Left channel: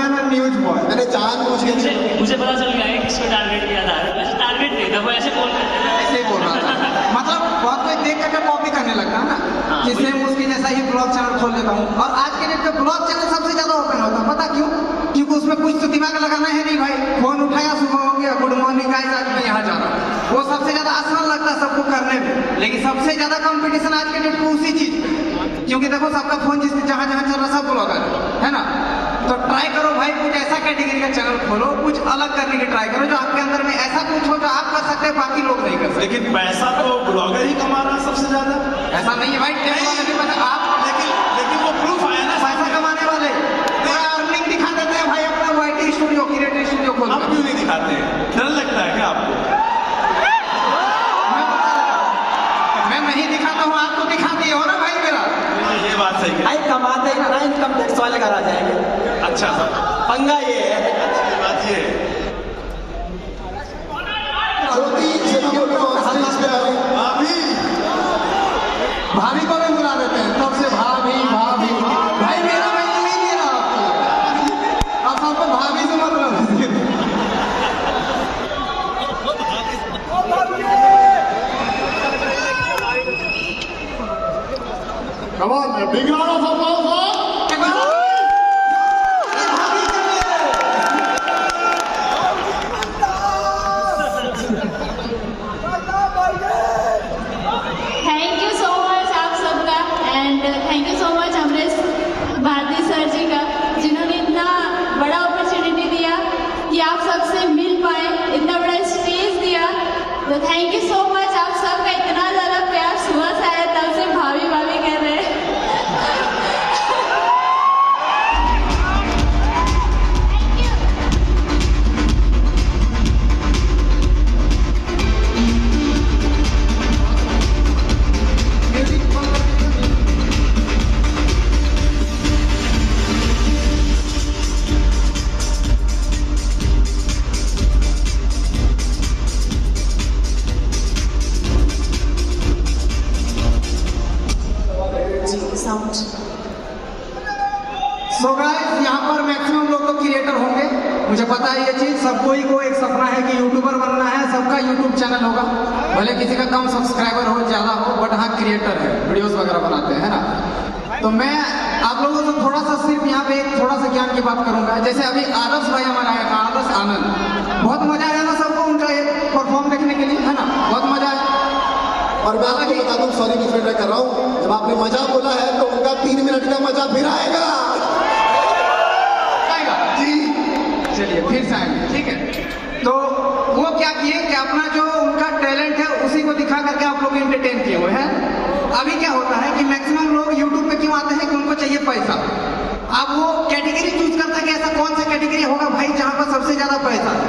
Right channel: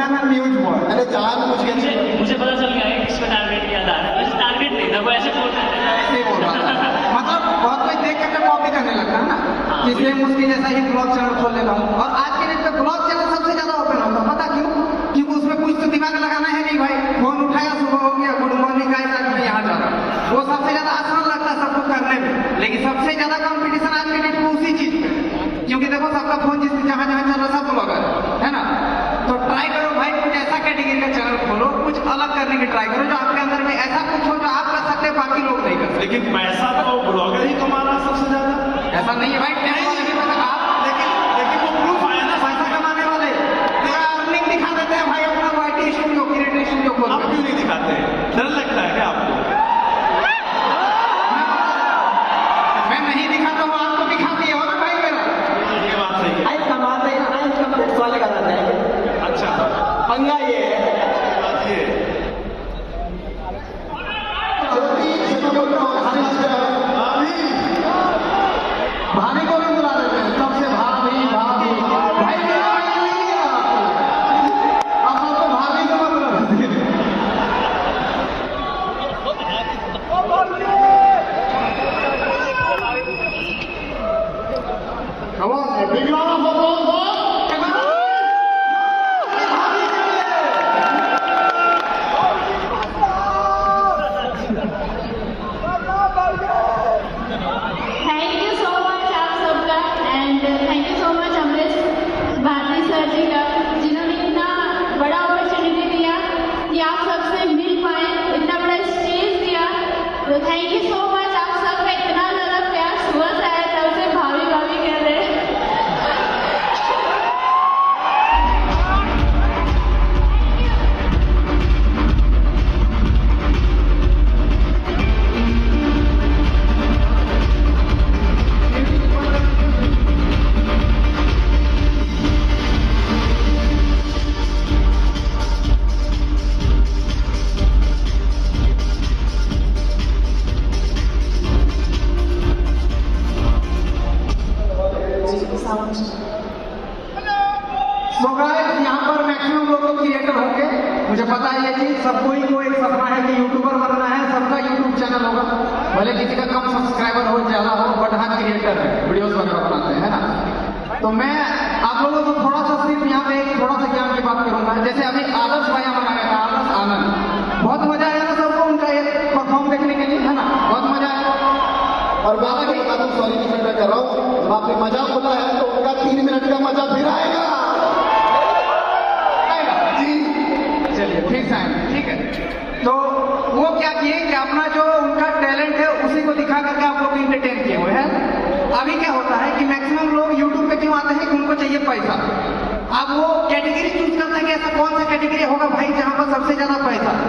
Man and news boy. मैंने जानबूझ के मुझे पता चल गया है किसको टारगेट किया जा रहा है। वैसे टारगेट नहीं था, वो ऐसे बोल रहे थे। ऐसे ही बोल रहा था। मतलब बहुत कोई देख करके कॉपी करने लगता है ना कि सेम उसकी जैसा ही ब्लॉग चैनल खोल लेता हूँ। और आज के डेट पे ब्लॉग चैनल सबसे ज्यादा ओपन होता है, पता क्यों? क्योंकि उसमें कुछ तो दिमाग लगाना है नहीं भाई। फोन उठाया, सुबह हो गया, गुड मॉर्निंग गाइस, आज मैं यहाँ जा रहा हूँ। वो सबसे ज्यादा आसान लगता है सबको करने में, लेकिन सबसे ज्यादा कंपटीशन आज के डेट में उसी चीज पे। क्योंकि देखो सबका फोन जिसमें जहाँ जहाँ चल रहा है सब ब्लॉगर है ना। तो ट्राई करो भाई, कुछ ऐसा कैटेगरी का चैनल खोलो, कुछ अलग करने की ट्राई करो, जो आपके अंदर में ऐसा कुछ हो जो आप कर सकते हैं बाकी लोग नहीं कर सकते। लेकिन पैसा तो ब्लॉगर ही कमा रहा है सबसे ज्यादा। ऐसा नहीं है भाई, टेप वाले भी मतलब आप लेकिन वो प्रूफ आया ना। पैसा कमाने वाले पूरा अर्निंग दिखा देते हैं भाई अपना वाईटी स्टूडियो, क्रिएटिव स्टूडियो खोल। आप क्यों नहीं दिखाते हैं? डर लगता है क्या आपको? मैं नहीं दिखाता हूँ, आपको दिखा दिए हो ना भाई मेरा। ये बात सही है। भाई कमाते हैं ना, इनकम टैक्स वाले करा जाएंगे। अच्छा पंगा ये है। बात ये है। भाभी को भी बुला लेते हैं, तब से भाभी भाभी भाई मेरा भाई क्यों ही नहीं रहा। अब सबको भाभी से मतलब है। Come on, a big round of applause for thank you so much आप सबका, and thank you so much Amrish Bharati sir ji का, जिन्होंने इतना बड़ा अपॉर्चुनिटी दिया कि आप सबसे मिल पाए, इतना बड़ा स्टेज दिया। तो थैंक यू सो मच आप सबका, इतना ज़्यादा प्यार सुबह से आया, तब से भाभी भाभी कर रहे हैं। सो गाइस, यहाँ पर मैक्सिमम लोग तो क्रिएटर होंगे, मुझे पता है ये चीज। सब कोई को एक सपना है कि यूट्यूबर बनना है, सबका यूट्यूब चैनल होगा, भले किसी का कम सब्सक्राइबर हो ज्यादा हो, बट हाँ क्रिएटर है, वीडियोस वगैरह बनाते हैं, है ना। तो मैं आप लोगों से थोड़ा सा सिर्फ यहाँ पे थोड़ा सा ज्ञान की बात करूंगा। जैसे अभी आदर्श भाई हमारा आया था, आदर्श आनंद, बहुत मजा आया ना सबको उनका ये परफॉर्म देखने के लिए, है ना, बहुत मजा आया। और मैं आपको बता दूं, सॉरी डिफरेंट कर रहा हूँ, जब आपने मजा बोला है तो उनका 3 मिनट का मजा फिर आएगा। चलिए फिर से आएंगे, ठीक है। तो वो क्या किए कि अपना जो उनका टैलेंट है उसी को दिखा करके आप लोग एंटरटेन किए हुए हैं। अभी क्या होता है कि मैक्सिमम लोग यूट्यूब पे क्यों आते हैं कि उनको चाहिए पैसा। अब वो कैटेगरी चूज करता है कि ऐसा कौन सा कैटेगरी होगा भाई जहां पर सबसे ज्यादा पैसा है।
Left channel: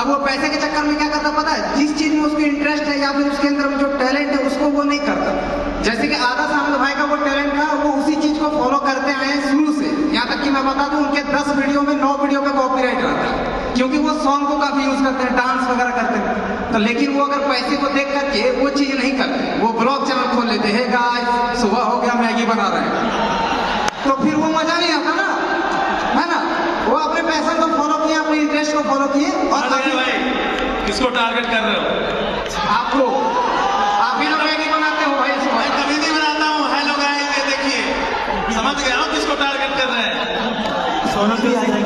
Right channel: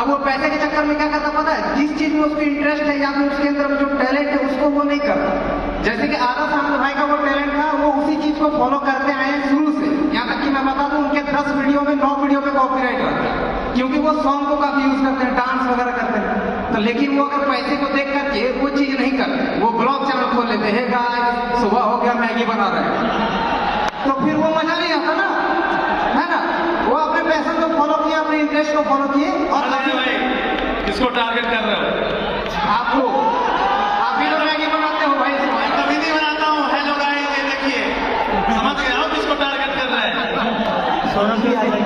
अब वो पैसे के चक्कर में क्या करता पता है, जिस चीज में उसको इंटरेस्ट है या फिर उसके अंदर जो टैलेंट है उसको वो नहीं करता। जैसे कि आदर्श आनंद भाई का वो टैलेंट था, वो उसी चीज को फॉलो करते आए हैं शुरू से। यहाँ तक कि मैं बता दूं, उनके 10 वीडियो में 9 वीडियो पे कॉपीराइट रहता है, क्योंकि वो सॉन्ग को काफी यूज करते हैं, डांस वगैरह करते हैं। तो लेकिन वो अगर पैसे को देख करके वो चीज नहीं करते, वो ब्लॉग चैनल खोल लेते हैं, गाइस सुबह हो गया मैगी बना रहे हैं, तो फिर वो मजा नहीं आता ना, है ना। वो अपने पैशन को फॉलो किए, अपने इंटरेस्ट को फॉलो किए। और भाई किसको टारगेट कर रहे हो? आपको, आप ही लोग मैगी बनाते हो भाई। मैं कभी नहीं बनाता हूँ। हेलो गाइस, ये देखिए, समझ गया हो किसको टारगेट कर रहे हैं? सोनम भी आई है।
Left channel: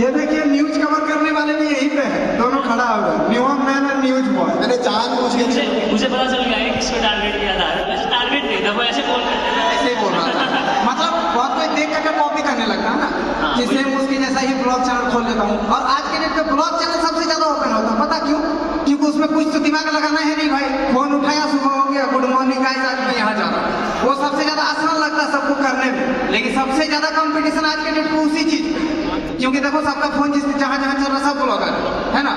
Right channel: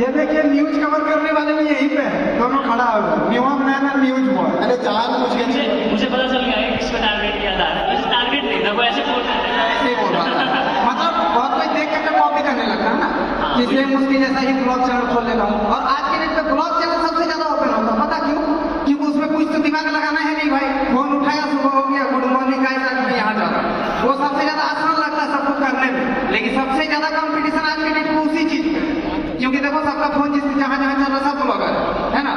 ये देखिए न्यूज कवर करने वाले भी यहीं पे है, दोनों खड़ा हुआ, news man and news boy. मैंने जानबूझ के मुझे पता चल गया है किसको टारगेट किया जा रहा है। वैसे टारगेट नहीं था, वो ऐसे बोल रहे थे। ऐसे ही बोल रहा था। मतलब बहुत कोई देख करके कॉपी करने लगता है ना कि सेम उसकी जैसा ही ब्लॉग चैनल खोल लेता हूँ। और आज के डेट पे ब्लॉग चैनल सबसे ज्यादा ओपन होता है, पता क्यों? क्योंकि उसमें कुछ तो दिमाग लगाना है नहीं भाई। फोन उठाया, सुबह हो गया, गुड मॉर्निंग गाइस, आज मैं यहाँ जा रहा हूँ। वो सबसे ज्यादा आसान लगता है सबको करने में, लेकिन सबसे ज्यादा कंपटीशन आज के डेट में उसी चीज पे। क्योंकि देखो सबका फोन जिसमें जहाँ जहाँ चल रहा है सब ब्लॉगर है ना।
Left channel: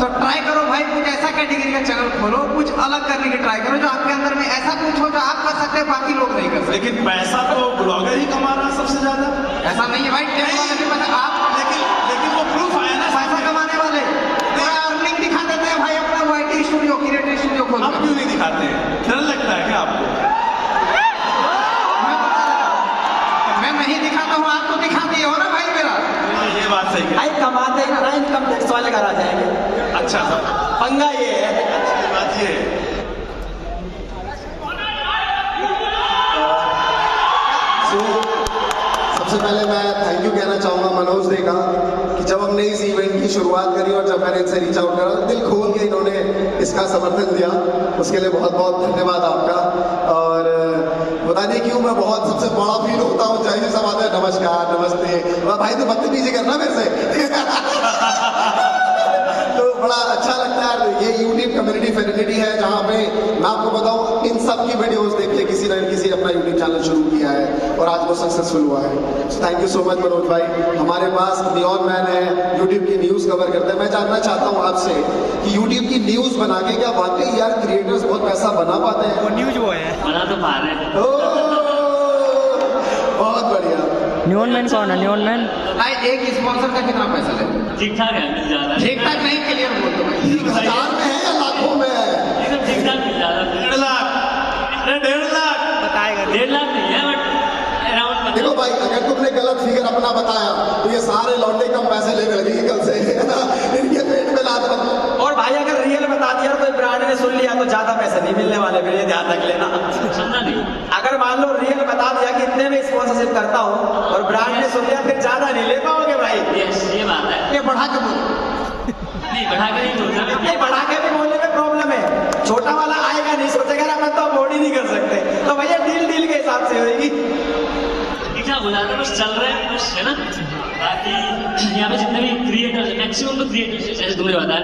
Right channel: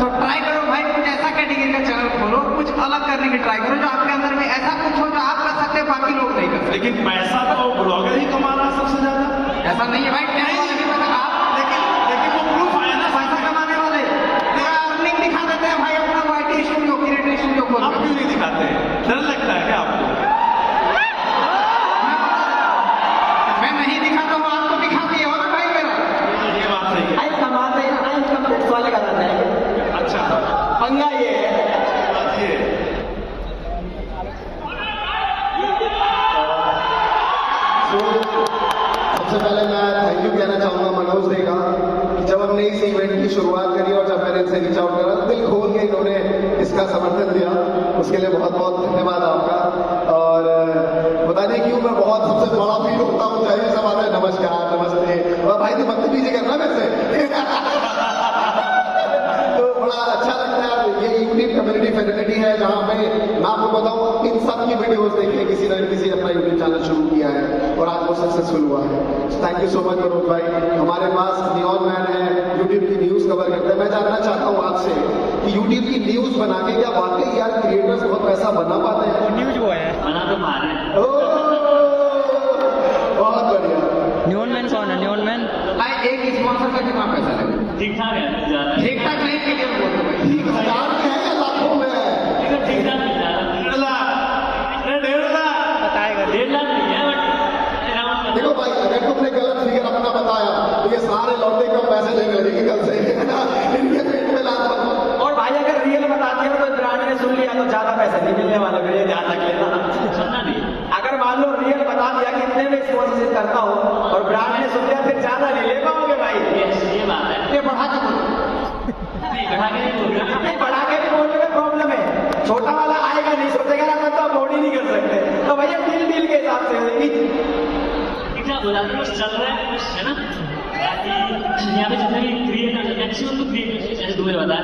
तो ट्राई करो भाई, कुछ ऐसा कैटेगरी का चैनल खोलो, कुछ अलग करने की ट्राई करो, जो आपके अंदर में ऐसा कुछ हो जो आप कर सकते हैं बाकी लोग नहीं कर सकते। लेकिन पैसा तो ब्लॉगर ही कमा रहा है सबसे ज्यादा। ऐसा नहीं है भाई, टेप वाले भी मतलब आप लेकिन वो प्रूफ आया ना। पैसा कमाने वाले पूरा अर्निंग दिखा देते हैं भाई अपना वाईटी स्टूडियो, क्रिएटिव स्टूडियो खोल। आप क्यों नहीं दिखाते हैं? डर लगता है क्या आपको? मैं नहीं दिखाता हूँ, आप वाले घर आ जाएंगे। अच्छा पंगा ये है। अच्छी बात ये है। So, सबसे पहले मैं थैंक यू कहना चाहूंगा मनोज दे का कि जब हमने इस इवेंट की शुरुआत करी और जब मैंने इनसे रीच आउट करा, दिल खोल के इन्होंने इसका समर्थन दिया, उसके लिए बहुत बहुत धन्यवाद आपका। और पता नहीं क्यों मैं बहुत सबसे बड़ा फील होता हूँ, चाहिए सब आते हैं नमस्कार नमस्ते, और भाई तो बदतमीजी करना मेरे से तो बड़ा अच्छा लगता है। ये यूट्यूब कम्युनिटी फैसिलिटी है जहाँ पे मैं आपको बताऊँ इन सब की वीडियोस देखे किसी न किसी अपना यूट्यूब चैनल शुरू किया है और आज वो सक्सेसफुल हुआ है। So thank you so much Manoj भाई। हमारे पास नियॉन मैन है, यूट्यूब की न्यूज कवर करते हैं। मैं जानना चाहता हूँ आपसे कि यूट्यूब की न्यूज बना के क्या वाकई यार क्रिएटर्स बहुत पैसा बना पाते हैं? बना तो पा रहे हैं। बहुत बढ़िया। न्यून मैन कौन है? न्यून मैन भाई एक स्पॉन्सर का कितना पैसा लेते? ठीक ठाक है, मिल जा रहा है। ठीक ठाक नहीं, क्लियर बोल दो भाई। 1000 में है या लाखों में है? एकदम ठीक ठाक मिल जा रहा है। 1.5 लाख, अरे 1.5 लाख। 1.5 लाख नहीं है, बट अराउंड। देखो भाई, अगर तुमने गलत फिगर अपना बताया तो ये सारे लौंडे कम पैसे लेने लगेंगे कल से इनके पेट में लात मत। और भाई अगर रियल बता दिया तो ब्रांड ने सुन लिया तो ज्यादा पैसे नहीं मिलने वाले, फिर ये ध्यान रख लेना। सुनना नहीं। अगर मान लो रियल बता दिया कि इतने में स्पॉन्सरशिप करता हूँ और ब्रांड ने सुन लिया, फिर ज्यादा नहीं ले पाओगे भाई। ये बात है। ये बढ़ा के बोलो। नहीं, बढ़ा के नहीं बोल रहा। नहीं, बढ़ा के भी बोलने में प्रॉब्लम है। छोटा वाला आएगा नहीं, सोचेगा ना मैं तो अफोर्ड ही नहीं कर सकते, तो भैया डील के हिसाब से होगी। ठीक ठाक हो जाता है, बस चल रहा है कुछ, है ना। बाकी यहाँ पे जितने भी क्रिएटर्स, मैक्सिमम तो क्रिएटर्स जैसे तुमने बताया